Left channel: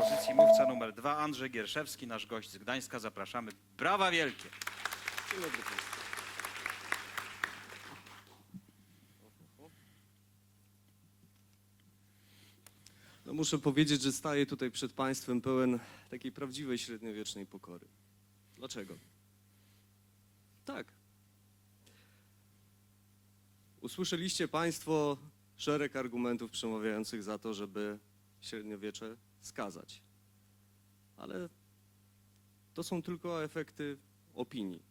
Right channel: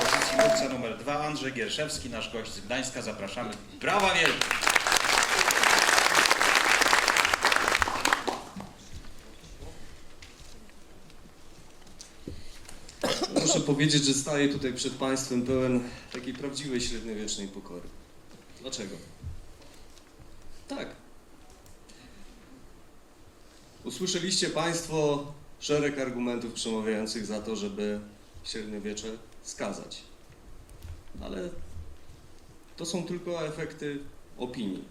Pozycji mówca numer dwa, Andrzej Gierszewski, nasz gość z Gdańska. Zapraszamy. Brawa wielkie! Muszę powiedzieć, że staję tutaj przed Państwem pełen takiej prawdziwej średniowiecznej pokory. Dlaczego? Tak. Usłyszeliście Państwo szereg argumentów przemawiających za to, żeby średniowiecze skazać. Ale to są tylko efekty opinii.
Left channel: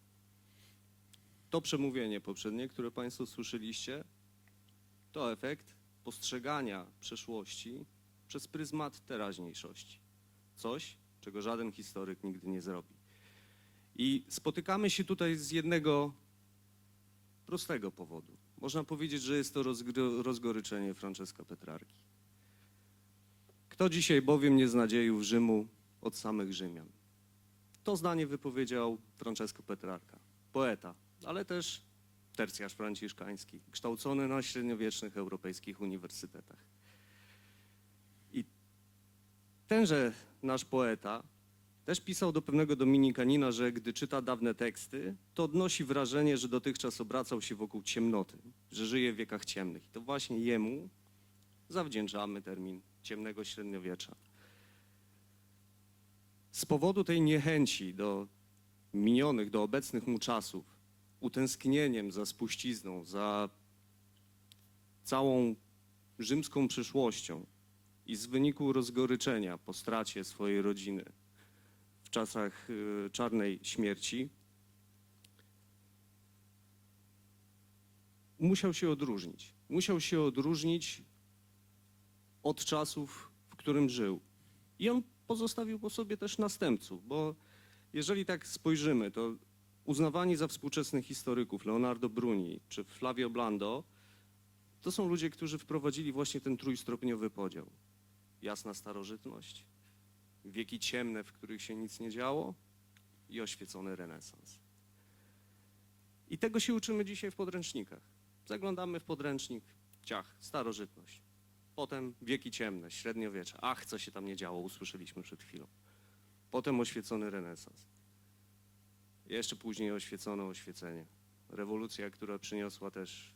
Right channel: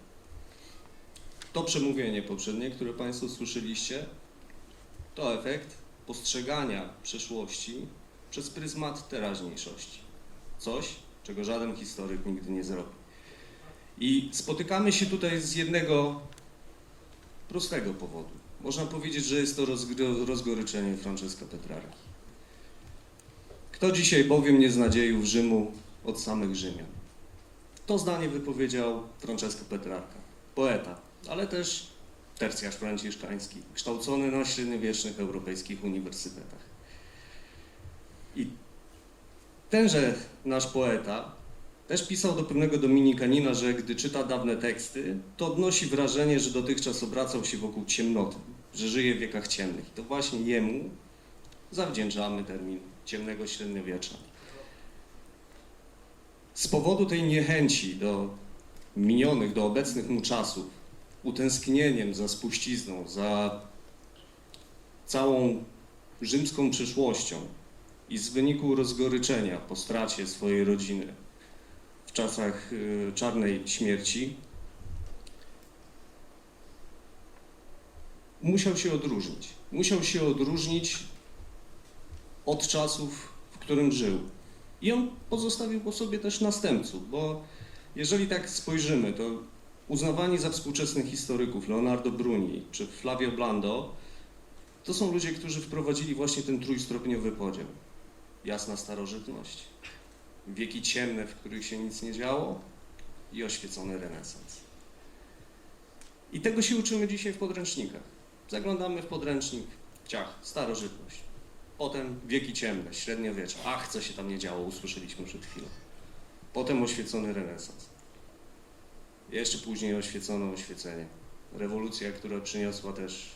To przemówienie poprzednie, które Państwo słyszeliście, to efekt postrzegania przeszłości przez pryzmat teraźniejszości. Coś, czego żaden historyk nigdy nie zrobi. I spotykamy się tutaj z jednego prostego powodu. Można powiedzieć, że jest to rozgoryczenie Francesca Petrarki. Kto dzisiaj powie mnie z nadziejów Rzymu od samych Rzymian? To zdanie wypowiedział Francesco Petrarka, poeta, ale też tercjarz franciszkański, kształcony na średniowiecznych europejskich uniwersytetach. I tenże nasz poeta też pisał do pewnego dominikanina, że gdy czyta dawne teksty, to odnosi wrażenie, że dotychczas obracał się wokół ciemnoty, że żyje w wiekach ciemnych. I to właśnie jemu zawdzięczamy termin ciemnego średniowiecza. Z powodu tej niechęci do minionych, do obecnych mu czasów, utęsknieniem za spuścizną, za całą rzymską przyszłością i z wyniku rozgoryczenia po stracie swojej rodziny w czasach y, czarnej śmierci musiał się odróżnić. Musiał się odróżnić od czasów, w którym żył. I on pozostawił po sobie też następców, bo jeżeli tak spojrzymy, to uznawani za współczesnych historyków Leonardo Bruni czy Flavio Blando, to są ludzie, którzy wprowadzili właśnie ten trójstopniowy podział. Jasna starożytność, wieki ciemne, w których się nic nie działo i oświecony renesans. I tego się uczymy dzisiaj w podręcznikach. Zaglądamy w podręcznik, ciach, starożytność. Potem wieki ciemne, średniowiecze. Ach, co się tam nie działo, usłyszeliśmy przed chwilą. Potem oświecony renesans. Jeszcze później oświecono oświecenie. Rewolucja, która przyniosła też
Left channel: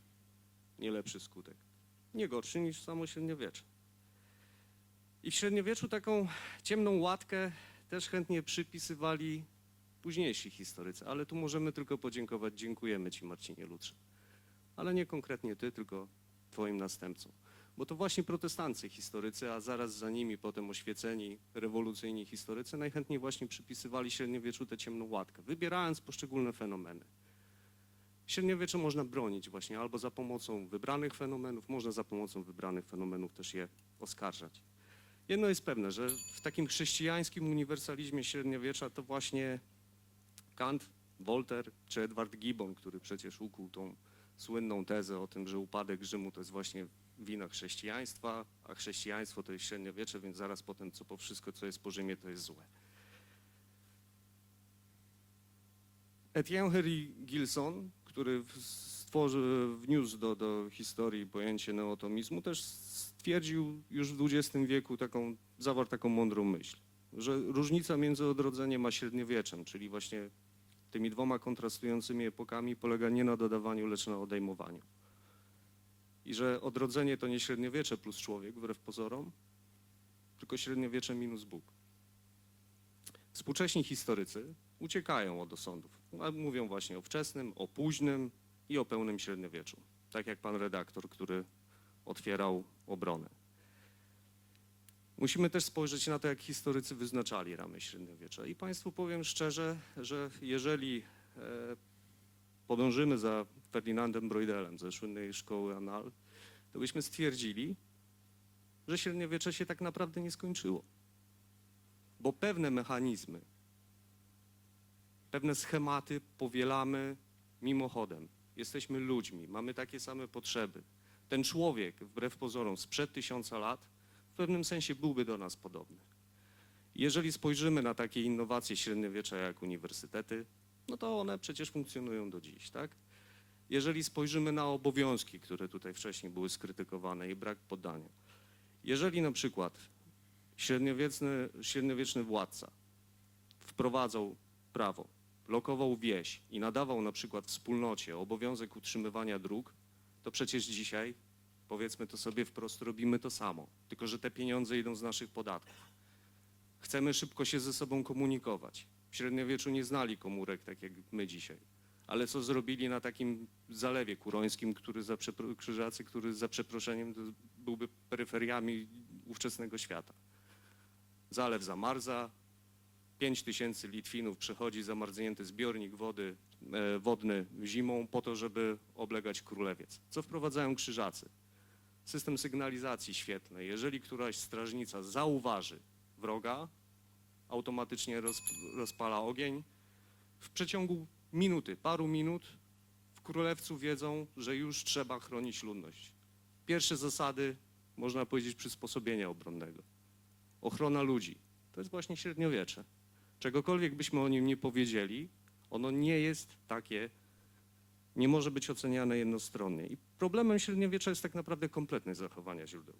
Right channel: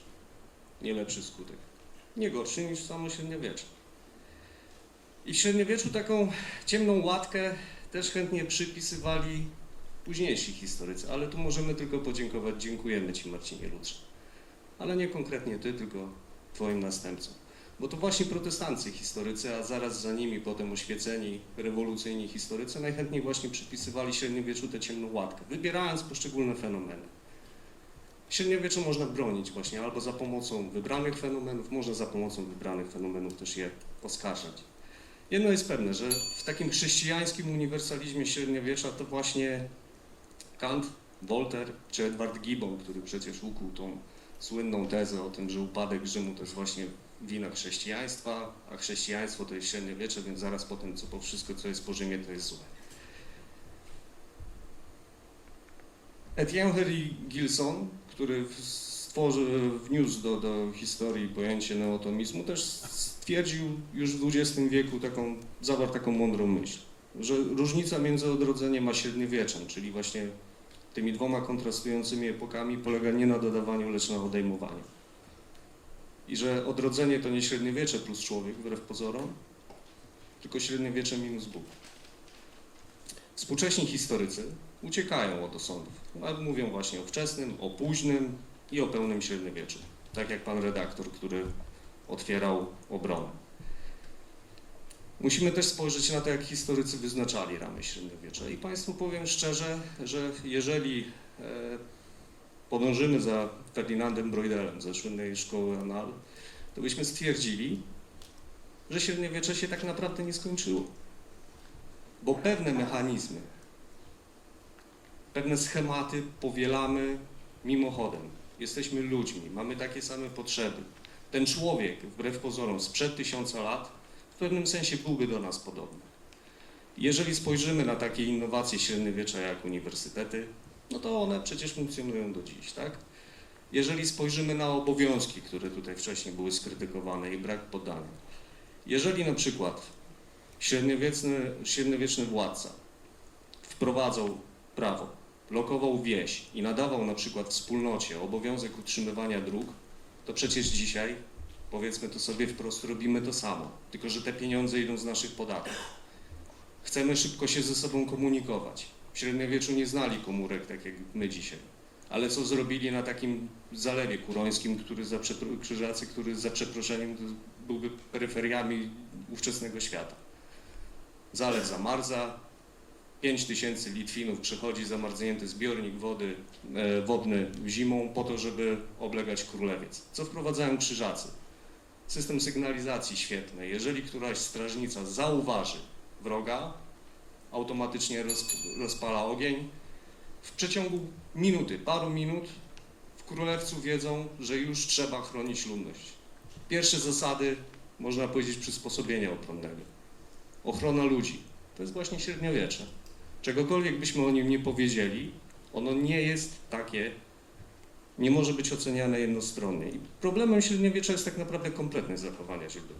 nie lepszy skutek. Nie gorszy niż samo średniowiecze. I w średniowieczu taką ciemną łatkę też chętnie przypisywali późniejsi historycy, ale tu możemy tylko podziękować. Dziękujemy Ci Marcinie Lutrze. Ale nie konkretnie Ty, tylko Twoim następcom. Bo to właśnie protestanccy historycy, a zaraz za nimi potem oświeceni, rewolucyjni historycy najchętniej właśnie przypisywali średniowieczu tę ciemną łatkę, wybierając poszczególne fenomeny. Średniowieczu można bronić właśnie albo za pomocą wybranych fenomenów, może za pomocą wybranych fenomenów też je oskarżać. Jedno jest pewne, że w takim chrześcijańskim uniwersalizmie średniowiecza to właśnie Kant, Voltaire czy Edward Gibbon, który przecież ukuł tą słynną tezę o tym, że upadek Rzymu to jest właśnie wina chrześcijaństwa, a chrześcijaństwo to jest średniowiecze, więc zaraz po tym, co po wszystko, co jest po Rzymie, to jest złe. Etienne Henry Gilson, który stworzył, wniósł do, do historii pojęcie neotomizmu, też stwierdził już w XX wieku taką, zawarł taką mądrą myśl, że różnica między odrodzeniem a średniowieczem, czyli właśnie tymi dwoma kontrastującymi epokami polega nie na dodawaniu, lecz na odejmowaniu. I że odrodzenie to nie średniowiecze plus człowiek, wbrew pozorom, tylko średniowiecze minus Bóg. Współcześni historycy uciekają od osądów. Nawet mówią właśnie o wczesnym, o późnym i o pełnym średniowieczu. Tak jak pan redaktor, który otwierał obronę. Musimy też spojrzeć na to, jak historycy wyznaczali ramy średniowiecza. I Państwu powiem szczerze, że jeżeli e, podążymy za Ferdynandem Broidelem ze słynnej szkoły Anal, to byśmy stwierdzili, że średniowiecze się tak naprawdę nie skończyło. Bo pewne mechanizmy, pewne schematy powielamy mimochodem. Jesteśmy ludźmi, mamy takie same potrzeby. Ten człowiek, wbrew pozorom, sprzed tysiąca lat, w pewnym sensie byłby do nas podobny. Jeżeli spojrzymy na takie innowacje średniowiecza jak uniwersytety, no to one przecież funkcjonują do dziś, tak? Jeżeli spojrzymy na obowiązki, które tutaj wcześniej były skrytykowane i brak podania, Jeżeli na przykład średniowieczny, średniowieczny władca wprowadzał prawo, blokował wieś i nadawał na przykład wspólnocie obowiązek utrzymywania dróg, to przecież dzisiaj, powiedzmy to sobie wprost, robimy to samo, tylko że te pieniądze idą z naszych podatków. Chcemy szybko się ze sobą komunikować. W średniowieczu nie znali komórek tak jak my dzisiaj. Ale co zrobili na takim zalewie kurońskim, który za, krzyżacy, który za przeproszeniem byłby peryferiami ówczesnego świata. Zalew zamarza, 5 tysięcy Litwinów przechodzi zamarznięty zbiornik wody e, wodny zimą po to, żeby oblegać królewiec. Co wprowadzają krzyżacy? System sygnalizacji świetny. Jeżeli któraś strażnica zauważy wroga, automatycznie roz, rozpala ogień. W przeciągu minuty, paru minut w Królewcu wiedzą, że już trzeba chronić ludność. Pierwsze zasady, można powiedzieć, przysposobienia ochronnego. Ochrona ludzi. To jest właśnie średniowiecze. Czegokolwiek byśmy o nim nie powiedzieli, ono nie jest takie, nie może być oceniane jednostronnie. I problemem średniowiecza jest tak naprawdę kompletne zachowanie źródeł.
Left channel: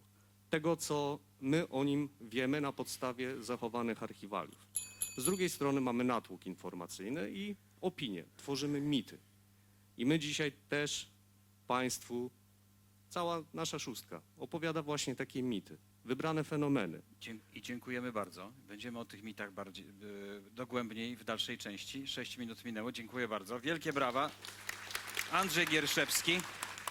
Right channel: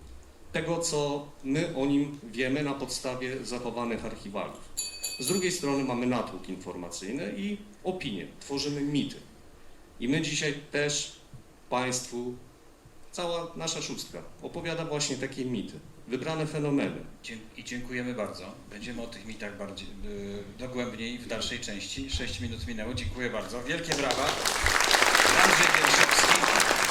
Tego, co my o nim wiemy na podstawie zachowanych archiwaliów. Z drugiej strony mamy natłok informacyjny i opinie. Tworzymy mity. I my dzisiaj też Państwu, cała nasza szóstka opowiada właśnie takie mity, wybrane fenomeny. I dziękujemy bardzo. Będziemy o tych mitach bardziej y, dogłębniej w dalszej części. 6 minut minęło. Dziękuję bardzo. Wielkie brawa. Andrzej Gierszewski.